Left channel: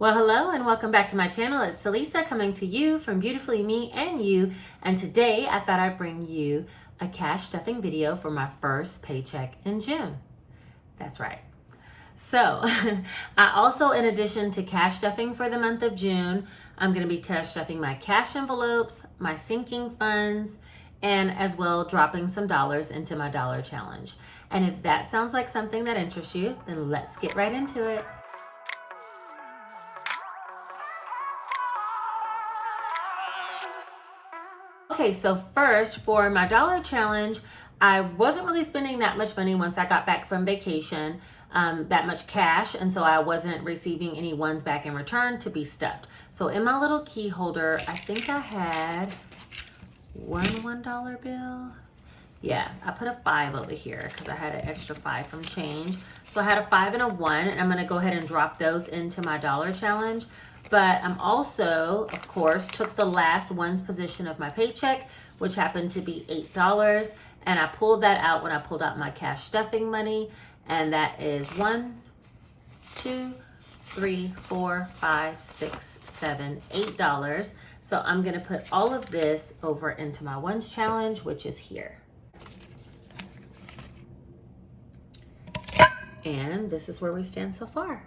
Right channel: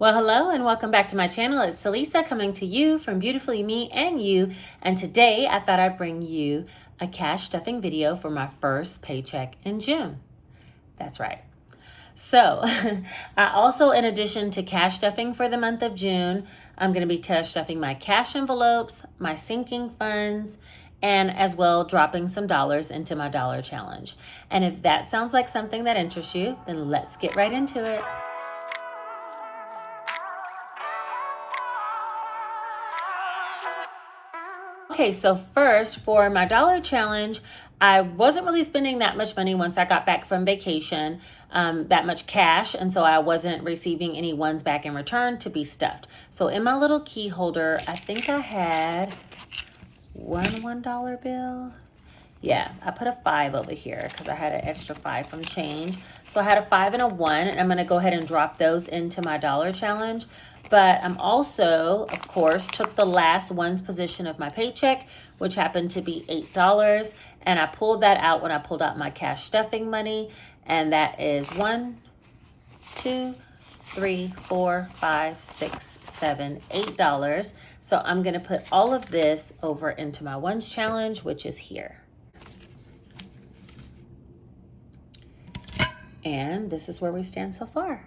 Well, hello and welcome back to my channel. It's Celisa coming to you from Beautifully Me and You. And today I thought I'd bring you a cash stuffing video for my first paycheck in June. That's right. So I also, in addition to cash stuffing for the month of June, I'm going to be cash stuffing my cash envelopes, my sinking funds, and as well dropping some dollars into my dollar challenge. And if that sounds like something that interests you, then let's get right into it. Okay, so first for my dollar challenge, I wasn't really spending that much money once I got back from vacation, that much cash, and so I wasn't receiving any ones back in return to be stuffed. So in my little key holder, I think I had one $1 bill. Yeah, I put a 5 over here because I had an extra 5 from change. So I had a 5 and a 1, and I'm going to go ahead and drop those into my dollar challenge. But I'm also, of course, took the last ones position of my paycheck, which happened to be $8. And I pulled that out when I pulled out my cash stuffing money. And that is 1, 2, 3, 4, 5, 6, 7, $8. So I'm going to put all of this over into my ones challenge, which is here. And this is where we stand so far.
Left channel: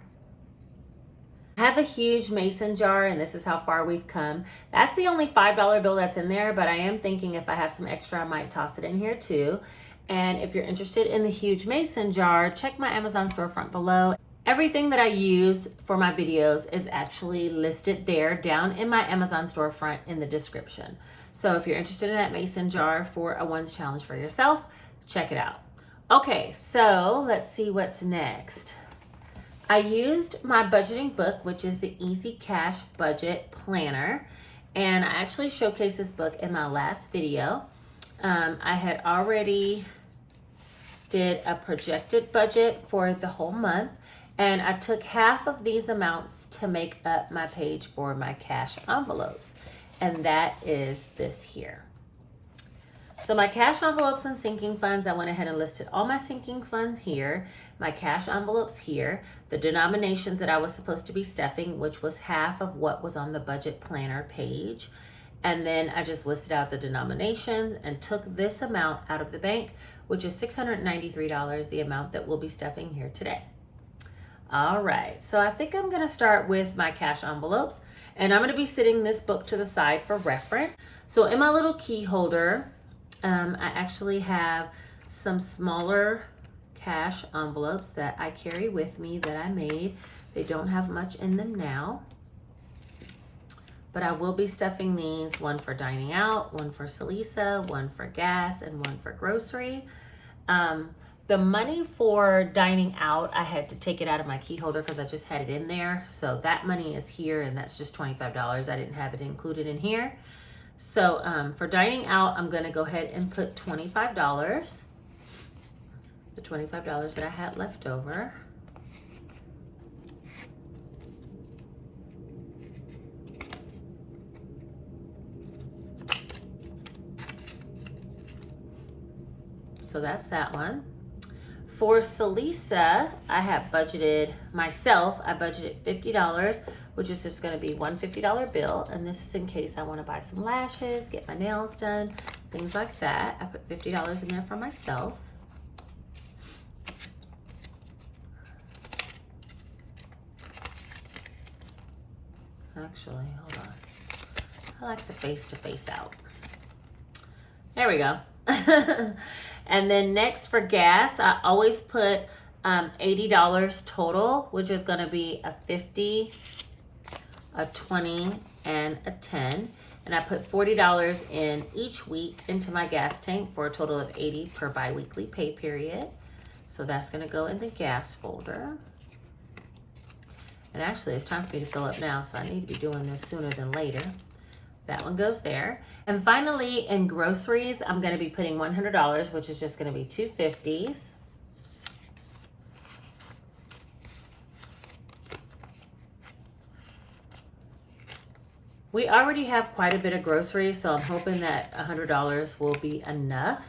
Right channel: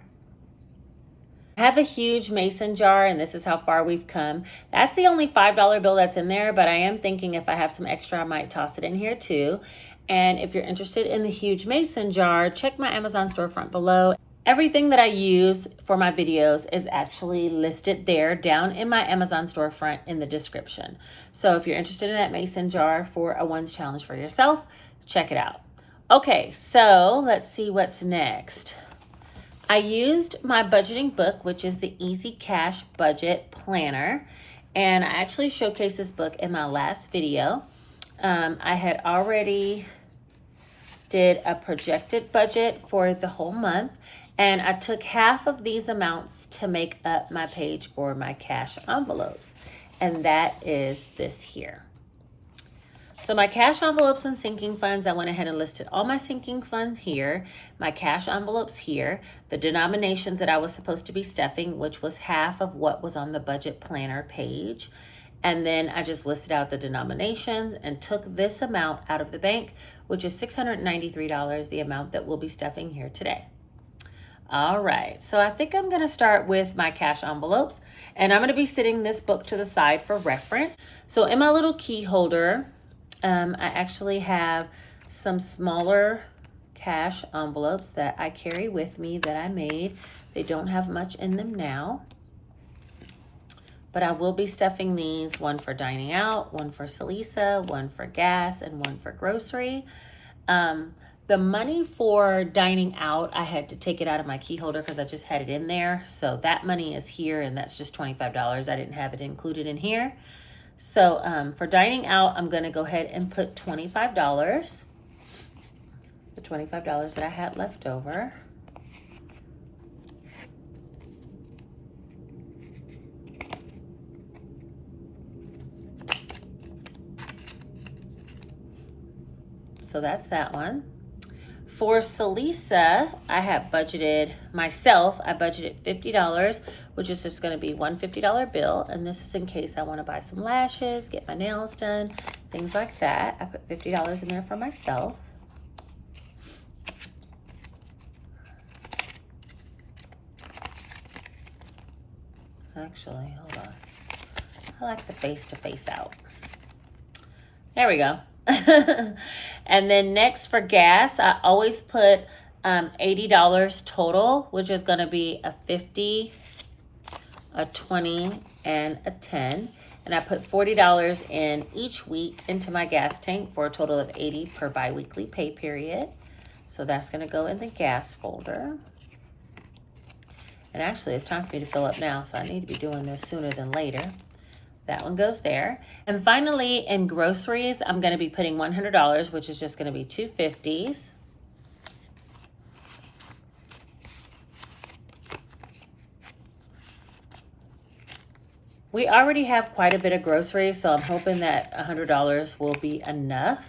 I have a huge mason jar, and this is how far we've come. That's the only $5 bill that's in there, but I am thinking if I have some extra, I might toss it in here too. And if you're interested in the huge mason jar, check my Amazon storefront below. Everything that I use for my videos is actually listed there down in my Amazon storefront in the description. So if you're interested in that mason jar for a ones challenge for yourself, check it out. Okay, so let's see what's next. I used my budgeting book, which is the Easy Cash Budget Planner, and I actually showcased this book in my last video. I had already did a projected budget for the whole month, and I took half of these amounts to make up my page for my cash envelopes, and that is this here. So my cash envelopes and sinking funds, I went ahead and listed all my sinking funds here, my cash envelopes here, the denominations that I was supposed to be stuffing, which was half of what was on the budget planner page. And then I just listed out the denominations and took this amount out of the bank, which is $693, the amount that we'll be stuffing here today. All right, so I think I'm gonna start with my cash envelopes, and I'm gonna be setting this book to the side for reference. So in my little key holder, I actually have some smaller cash envelopes that I carry with me that I made. They don't have much in them now, but I will be stuffing these, one for dining out, one for Celisa, one for gas, and one for grocery. The money for dining out, I had to take it out of my key holder because I just had it in there. So that money is here, and that's just $25. I didn't have it included in here. So for dining out, I'm going to go ahead and put $25, the $25 that I had left over. So that's that one. For Celisa, I have budgeted myself, I budgeted $50, which is just going to be one $50 bill. And this is in case I want to buy some lashes, get my nails done, things like that. I put $50 in there for myself. Actually, hold on. I like the face to face out. There we go. And then next for gas, I always put $80 total, which is going to be a 50, a 20, and a 10. And I put $40 in each week into my gas tank for a total of $80 per biweekly pay period. So that's going to go in the gas folder. And actually, it's time for me to fill up now, so I need to be doing this sooner than later. That one goes there. And finally, in groceries, I'm going to be putting $100, which is just going to be two 50s. We already have quite a bit of groceries, so I'm hoping that $100 will be enough.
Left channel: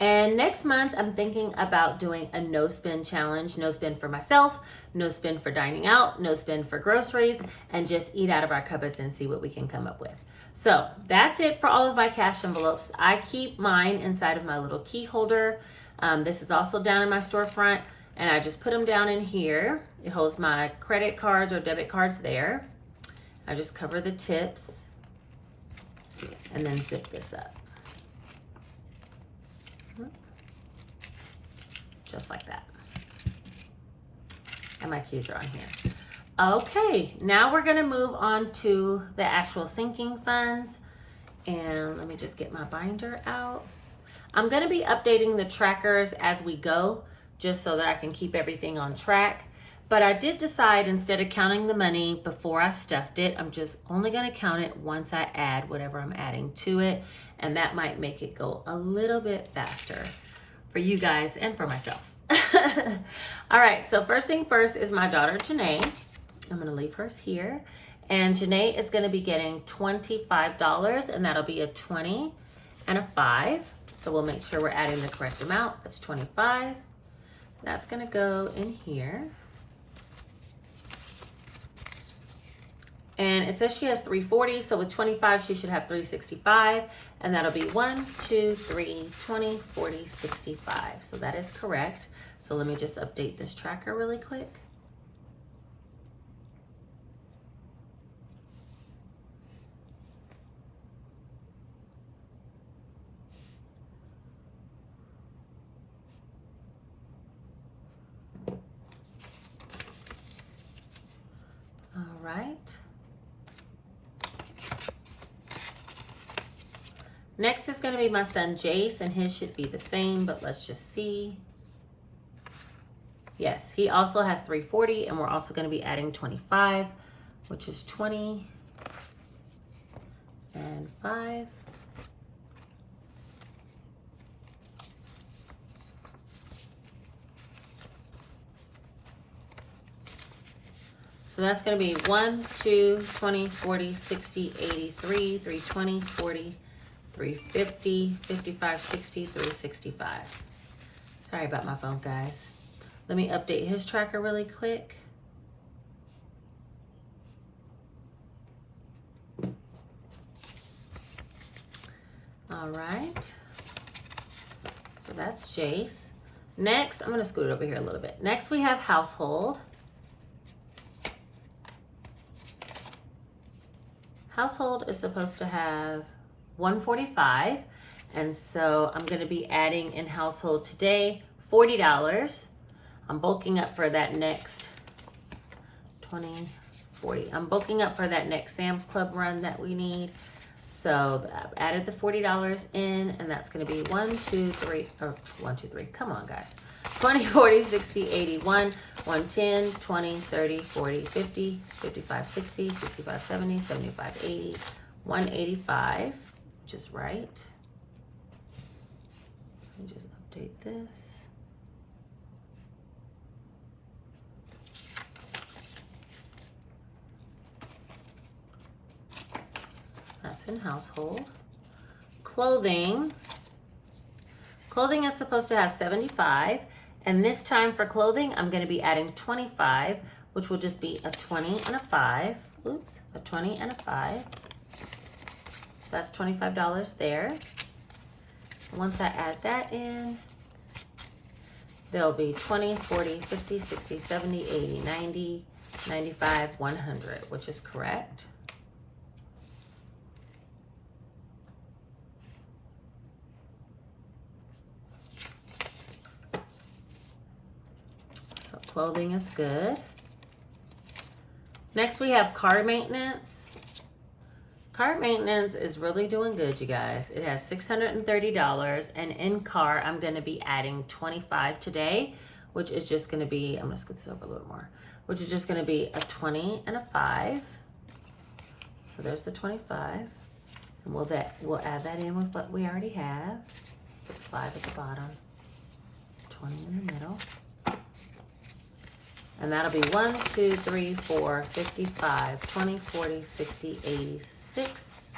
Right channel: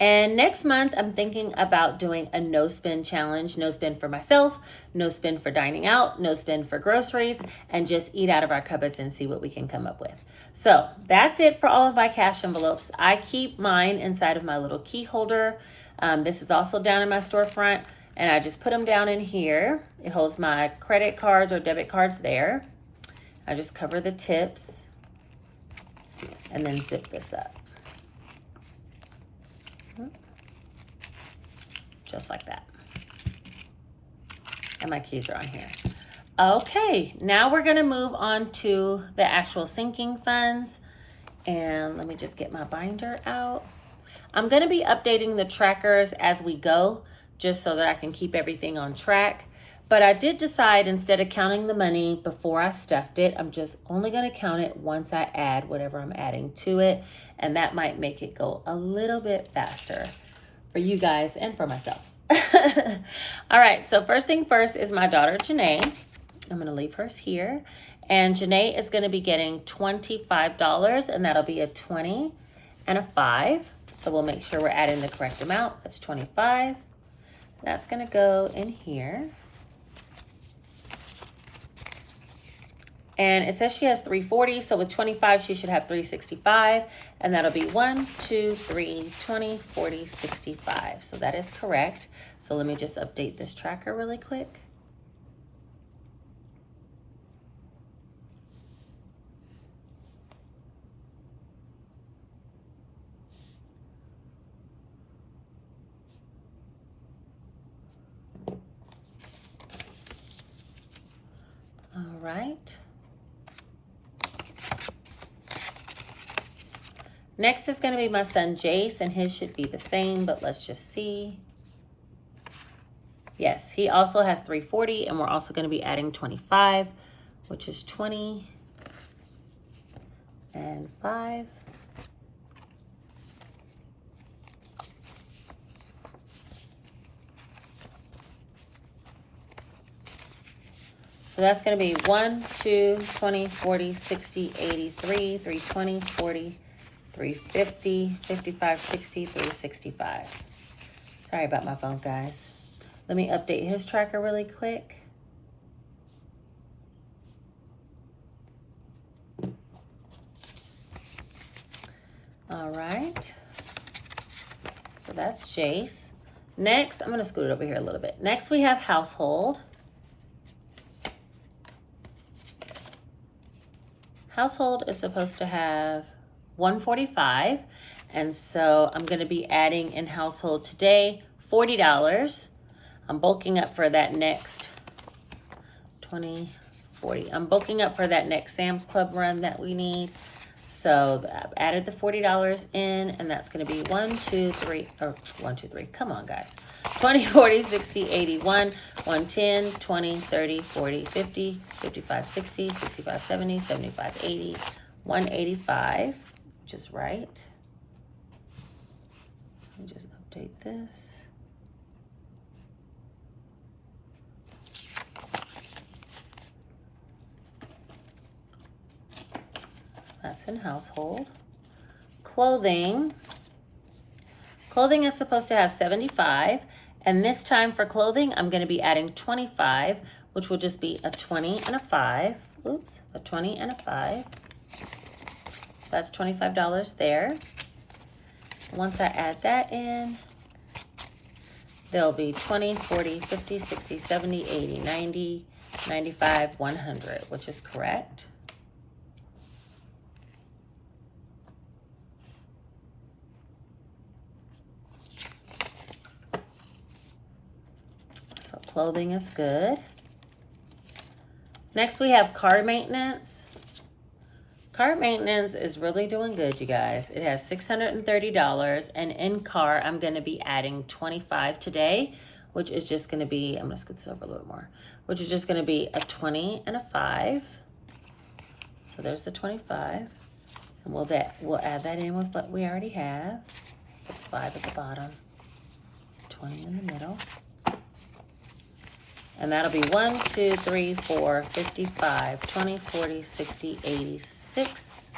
And next month, I'm thinking about doing a no spend challenge. No spend for myself, no spend for dining out, no spend for groceries, and just eat out of our cupboards and see what we can come up with. So that's it for all of my cash envelopes. I keep mine inside of my little key holder. This is also down in my storefront, and I just put them down in here. It holds my credit cards or debit cards there. I just cover the tips and then zip this up. Just like that. And my keys are on here. Okay, now we're gonna move on to the actual sinking funds. And let me just get my binder out. I'm gonna be updating the trackers as we go, just so that I can keep everything on track. But I did decide, instead of counting the money before I stuffed it, I'm just only gonna count it once I add whatever I'm adding to it. And that might make it go a little bit faster for you guys and for myself. All right, so first thing first is my daughter, Janae. I'm gonna leave hers here. And Janae is gonna be getting $25, and that'll be a 20 and a 5. So we'll make sure we're adding the correct amount. That's 25. That's gonna go in here. And it says she has 340, so with 25, she should have 365. And that'll be 1, 2, 3, 20, 40, 65. So that is correct. So let me just update this tracker really quick. All right. Next is going to be my son Jace, and his should be the same, but let's just see. Yes, he also has 340, and we're also going to be adding 25, which is 20 and 5. So that's going to be 1, 2, 20, 40, 60, 80, 3, 320, 40, 350, 55, 60, 365. Sorry about my phone, guys. Let me update his tracker really quick. All right. So that's Jace. Next, I'm going to scoot it over here a little bit. Next, we have household. Household is supposed to have 145, and so I'm going to be adding in household today $40. I'm bulking up for that next 20, 40. I'm bulking up for that next Sam's Club run that we need. So I've added the $40 in, and that's going to be 1, 2, 3, or 1, 2, 3. Come on, guys. 20, 40, 60, 81, 110, 20, 30, 40, 50, 55, 60, 65, 70, 75, 80, 185, which is right. Let me just update this. That's in household. Clothing. Clothing is supposed to have 75. And this time for clothing, I'm going to be adding 25, which will just be a 20 and a 5. Oops, a 20 and a 5. So that's $25 there. Once I add that in, there'll be 20, 40, 50, 60, 70, 80, 90, 95, 100, which is correct. So clothing is good. Next we have car maintenance. Car maintenance is really doing good, you guys. It has $630, and in car, I'm gonna be adding 25 today, which is just gonna be, I'm gonna scoot this over a little more, which is just gonna be a 20 and a 5. So there's the 25. And we'll add that in with what we already have. Let's put 5 at the bottom, 20 in the middle. And that'll be 1, 2, 3, 4, 55, 20, 40, 60, 80, 6,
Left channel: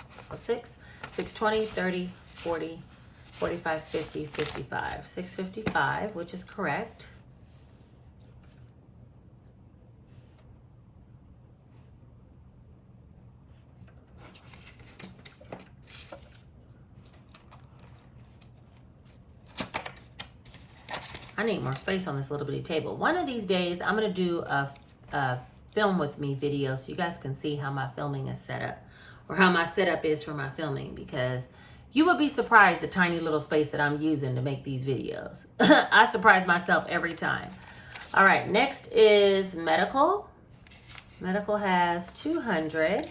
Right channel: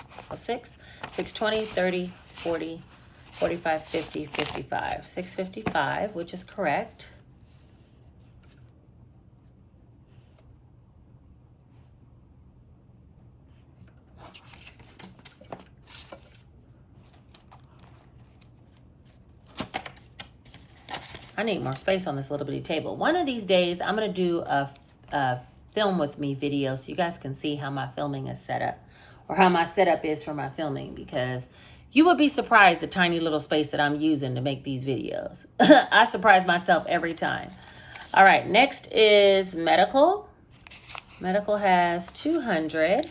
20, 30, 40, 45, 50, 55. 655, which is correct. I need more space on this little bitty table. One of these days, I'm going to do a film with me video so you guys can see how my filming is set up, or how my setup is for my filming, because you would be surprised the tiny little space that I'm using to make these videos. I surprise myself every time. All right, next is medical. Medical has 200.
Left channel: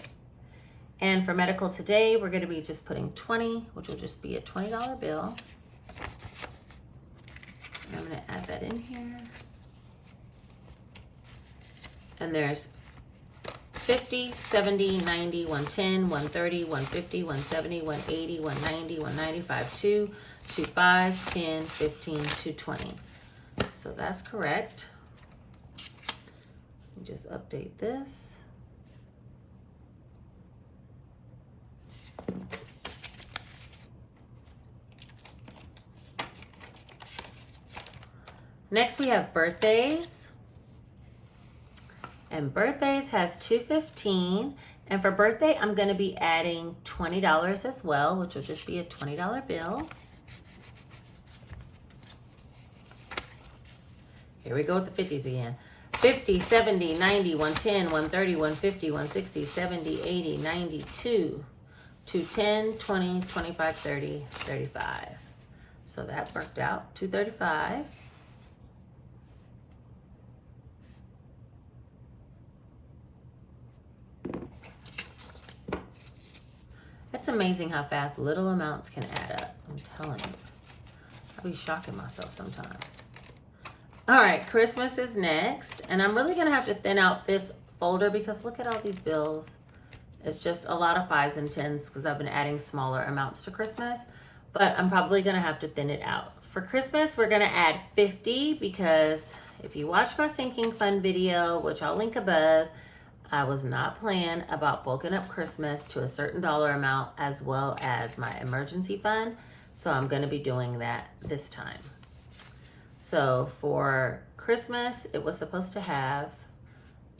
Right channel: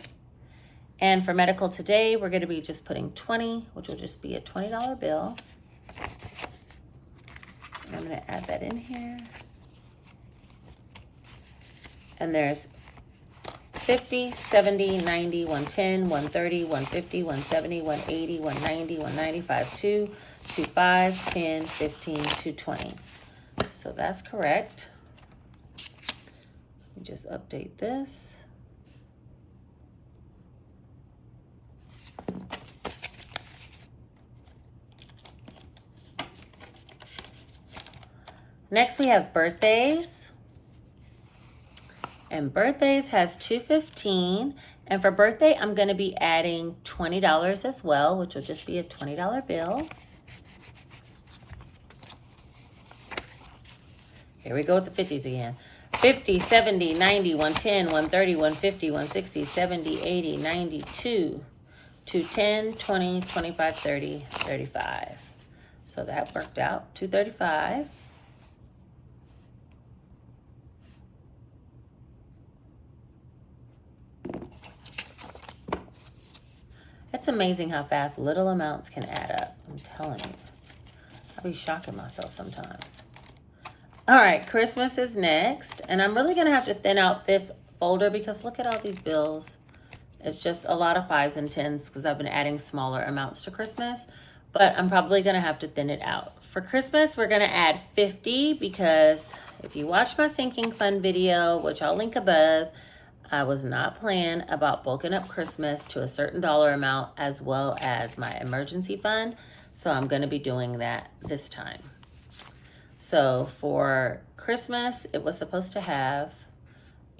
And for medical today, we're going to be just putting 20, which will just be a $20 bill. I'm going to add that in here. And there's 50, 70, 90, 110, 130, 150, 170, 180, 190, 195, 2, 25, 10, 15, 220. So that's correct. Let me just update this. Next we have birthdays. And birthdays has 215. And for birthday, I'm going to be adding $20 as well, which will just be a $20 bill. Here we go with the 50s again. 50, 70, 90, 110, 130, 150, 160, 70, 80, 92, 210, 20, 25, 30, 35. So that worked out. 235. It's amazing how fast little amounts can add up. I'm telling you. I'll be shocking myself sometimes. All right, Christmas is next. And I'm really going to have to thin out this folder because look at all these bills. It's just a lot of 5s and 10s because I've been adding smaller amounts to Christmas. But I'm probably going to have to thin it out. For Christmas, we're going to add 50 because if you watch my sinking fund video, which I'll link above, I was not planning about bulking up Christmas to a certain dollar amount as well as my emergency fund. So I'm going to be doing that this time. So for Christmas, it was supposed to have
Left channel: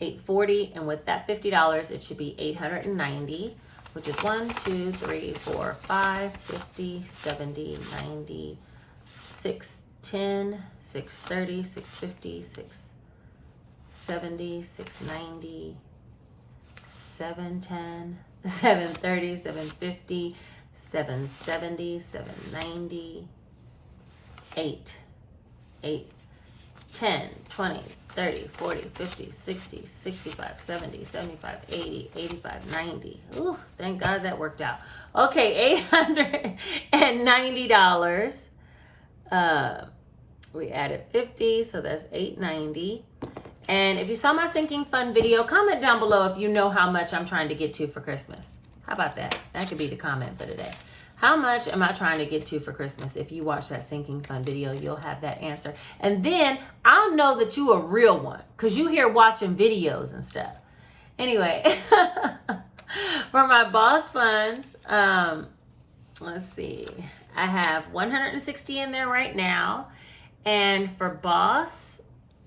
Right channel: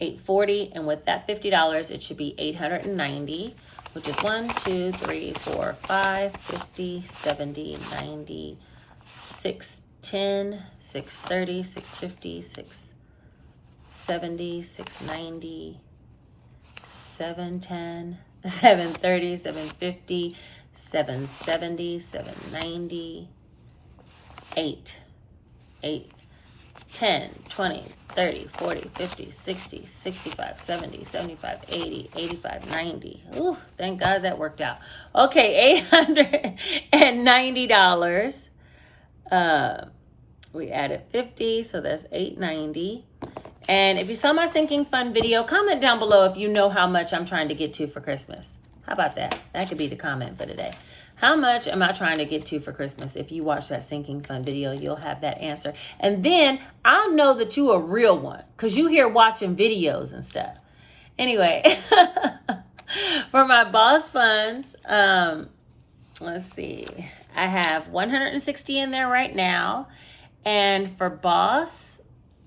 $840, and with that $50, it should be $890, which is 1, 2, 3, 4, 5, 50, 70, 90, 610, 630, 650, 670, 690, 710, 730, 750, 770, 790, 8, 10, 20, 30, 40, 50, 60, 65, 70, 75, 80, 85, 90. Ooh, thank God that worked out. Okay, $890. We added 50, so that's $890. And if you saw my sinking fund video, comment down below if you know how much I'm trying to get to for Christmas. How about that? That could be the comment for today. How much am I trying to get to for Christmas? If you watch that sinking fund video, you'll have that answer. And then I'll know that you a real one because you here watching videos and stuff. Anyway, for my boss funds, let's see. I have 160 in there right now. And for boss,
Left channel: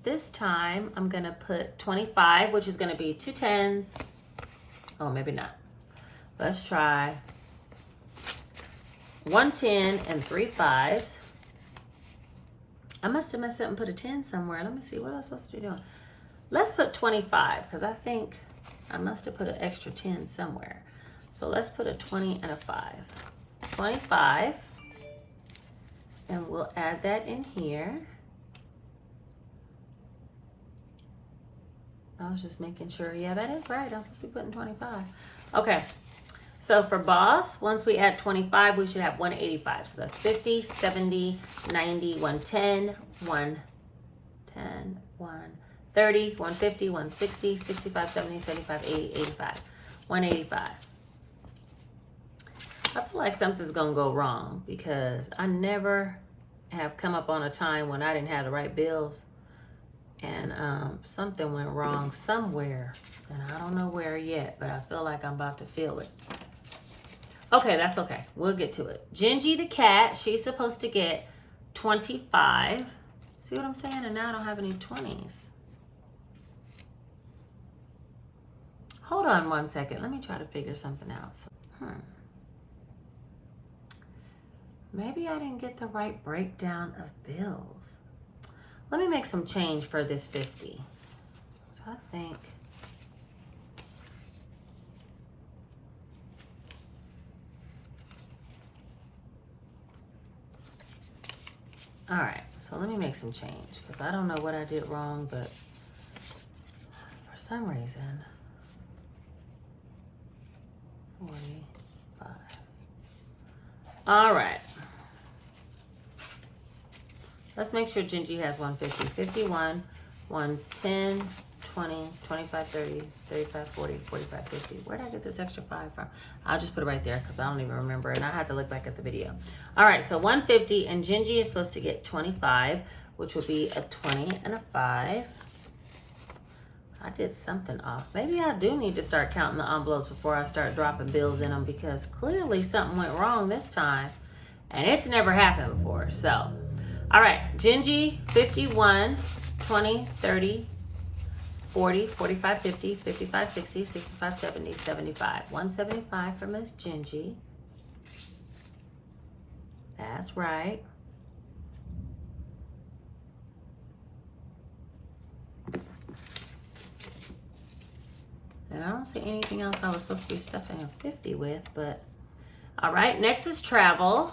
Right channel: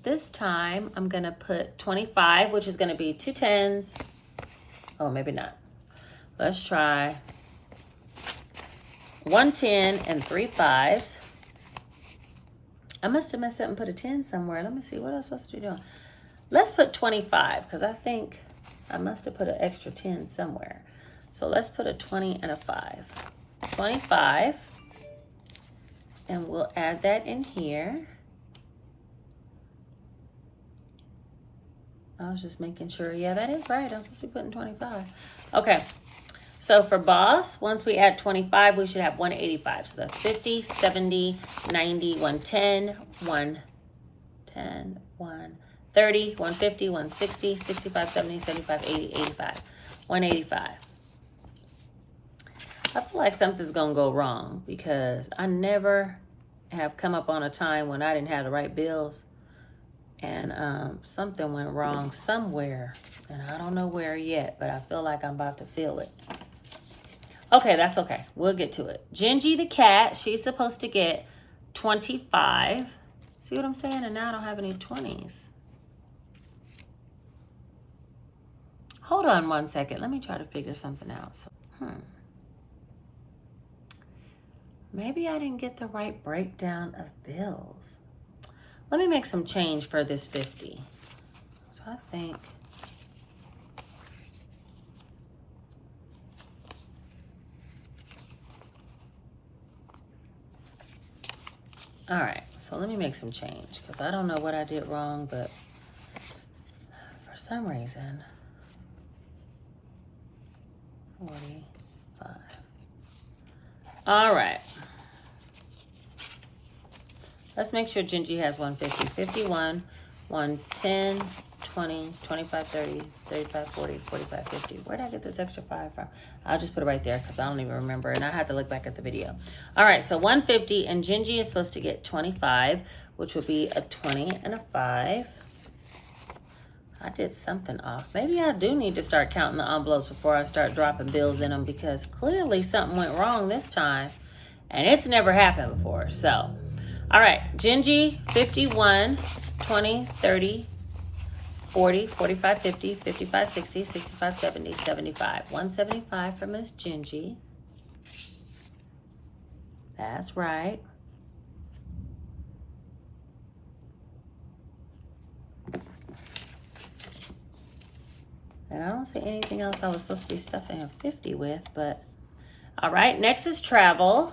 this time I'm going to put 25, which is going to be 2 10s. Oh, maybe not. Let's try 110 and 3 5s. I must have messed up and put a 10 somewhere. Let me see what I'm supposed to be doing. Let's put 25 because I think I must have put an extra 10 somewhere. So let's put a 20 and a 5. 25. And we'll add that in here. I was just making sure. Yeah, that is right. I'm supposed to be putting 25. Okay. So for boss, once we add 25, we should have 185. So that's 50, 70, 90, 110, 110, 130, 150, 160, 65, 70, 75, 80, 85, 185. I feel like something's going to go wrong because I never have come up on a time when I didn't have the right bills. And something went wrong somewhere. And I don't know where yet, but I feel like I'm about to feel it. Okay, that's okay. We'll get to it. Gingy the cat, she's supposed to get 25. See what I'm saying? And now I don't have any 20s. Hold on one second. Let me try to figure something out. Maybe I didn't get the right breakdown of bills. Let me make some change for this 50. So I think... All right, so let me make some change because I don't know what I did wrong, but for some reason, 45. All right. Let's make sure Gingy has 150, 51, 110, 20, 25, 30, 35, 40, 45, 50. Where did I get this extra 5 from? I'll just put it right there because I don't even remember, and I have to look back at the video. All right, so 150, and Gingy is supposed to get 25, which would be a 20 and a 5. I did something off. Maybe I do need to start counting the envelopes before I start dropping bills in them because clearly something went wrong this time, and it's never happened before. So, all right, Gingy, 51, 20, 30, 40, 45, 50, 55, 60, 65, 70, 75. 175 for Miss Gingy. That's right. And I don't see anything else I was supposed to be stuffing a 50 with, but all right, next is travel.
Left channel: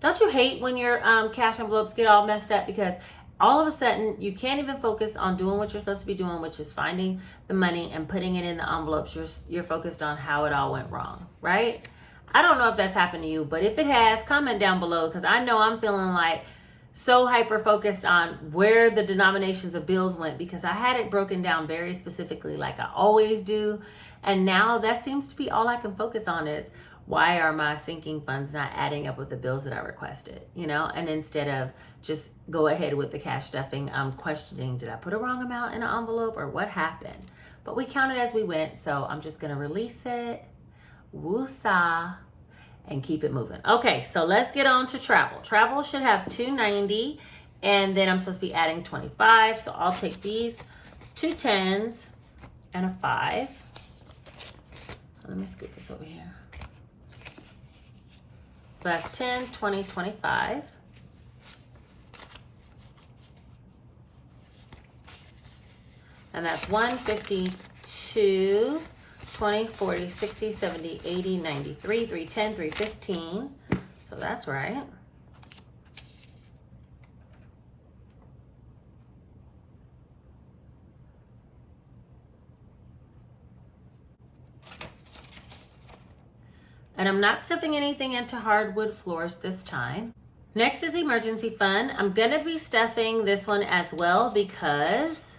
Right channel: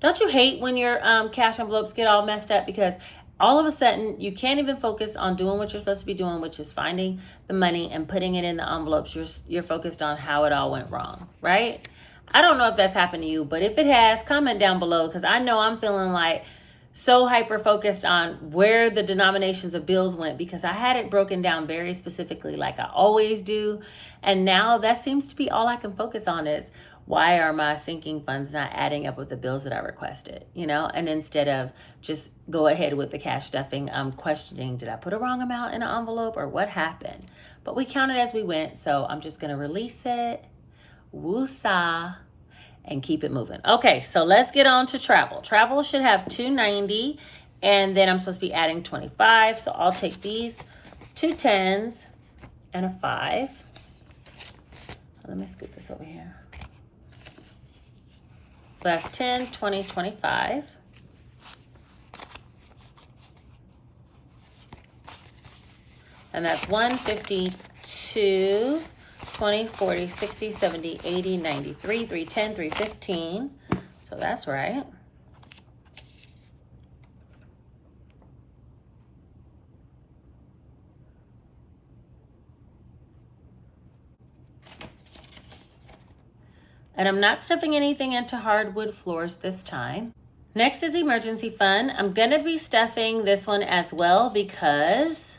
Don't you hate when your cash envelopes get all messed up because all of a sudden you can't even focus on doing what you're supposed to be doing, which is finding the money and putting it in the envelopes. You're focused on how it all went wrong, right? I don't know if that's happened to you, but if it has, comment down below because I know I'm feeling like so hyper focused on where the denominations of bills went because I had it broken down very specifically like I always do. And now that seems to be all I can focus on is why are my sinking funds not adding up with the bills that I requested, you know? And instead of just go ahead with the cash stuffing, I'm questioning, did I put a wrong amount in an envelope or what happened? But we counted as we went, so I'm just gonna release it, woosah, and keep it moving. Okay, so let's get on to travel. Travel should have 290, and then I'm supposed to be adding 25, so I'll take these 2 10s and a 5. Let me scoot this over here. So that's 10, 20, 25. And that's 152, 20, 40, 60, 70, 80, 93, 310, 315. So that's right. And I'm not stuffing anything into hardwood floors this time. Next is emergency fund. I'm gonna be stuffing this one as well because,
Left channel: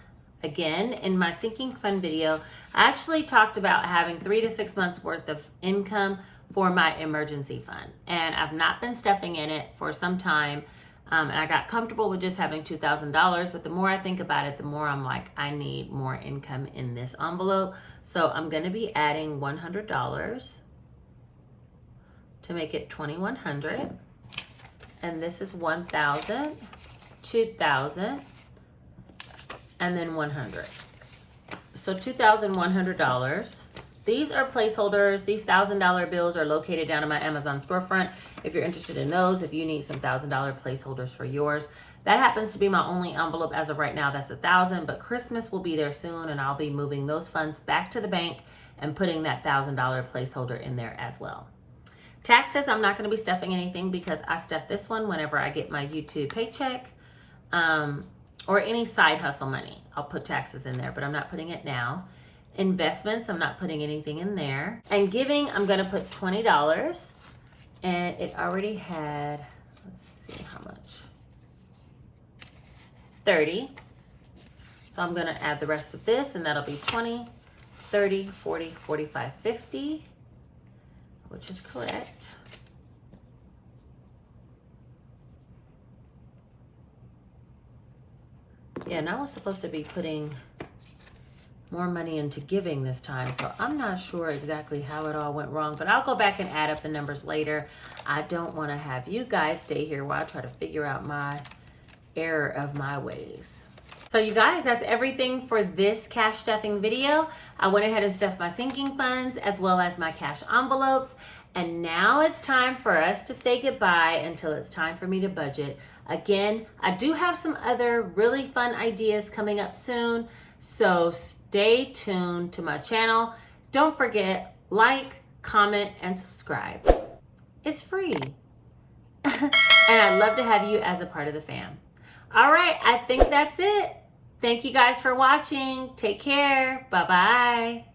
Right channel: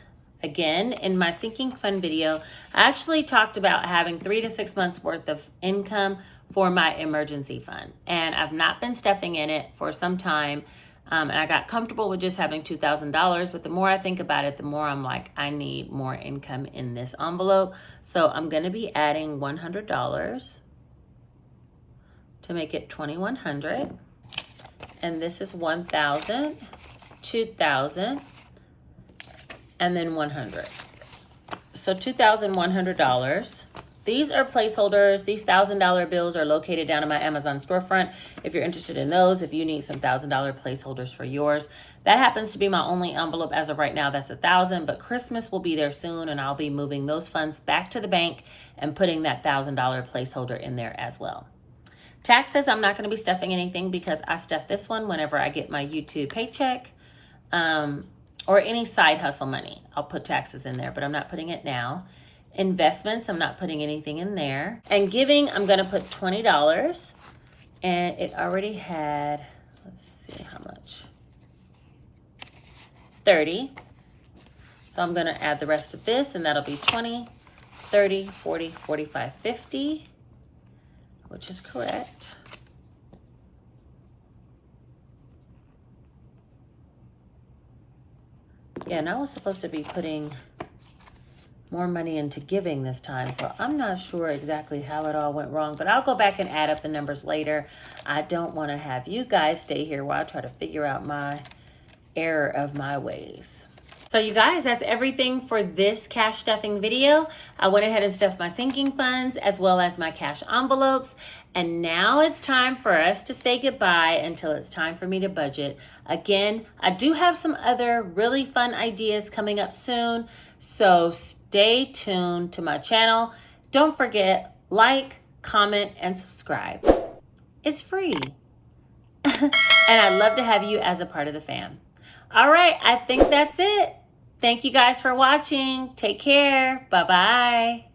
again, in my sinking fund video, I actually talked about having 3 to 6 months worth of income for my emergency fund. And I've not been stuffing in it for some time. And I got comfortable with just having $2,000, but the more I think about it, the more I'm like, I need more income in this envelope. So I'm gonna be adding $100 to make it 2,100. And this is 1,000, 2,000, and then 100. So $2,100. These are placeholders. These $1,000 bills are located down in my Amazon storefront. If you're interested in those, if you need some $1,000 placeholders for yours, that happens to be my only envelope as of right now. That's 1,000, but Christmas will be there soon, and I'll be moving those funds back to the bank and putting that $1,000 placeholder in there as well. Taxes, I'm not going to be stuffing anything because I stuff this one whenever I get my YouTube paycheck or any side hustle money. I'll put taxes in there, but I'm not putting it now. Investments, I'm not putting anything in there. And giving, I'm going to put $20. And it already had, let's see how much, 30. So I'm going to add the rest of this, and that'll be 20, 30, 40, 45, 50. Which is correct. Yeah, and I was supposed to be putting more money into giving this time. So I'm not sure exactly how it all went wrong, but I'll go back and add up the numbers later. I don't want to have you guys stay here while I try to figure out my error of my ways. So you guys, that's everything for this cash stuffing video. I went ahead and stuffed my sinking funds as well as my cash envelopes. And now it's time for us to say goodbye until it's time for me to budget. Again, I do have some other really fun ideas coming up soon. So stay tuned to my channel. Don't forget, like, comment, and subscribe. It's free. And I'd love to have you as a part of the fam. All right, I think that's it. Thank you guys for watching. Take care. Bye-bye.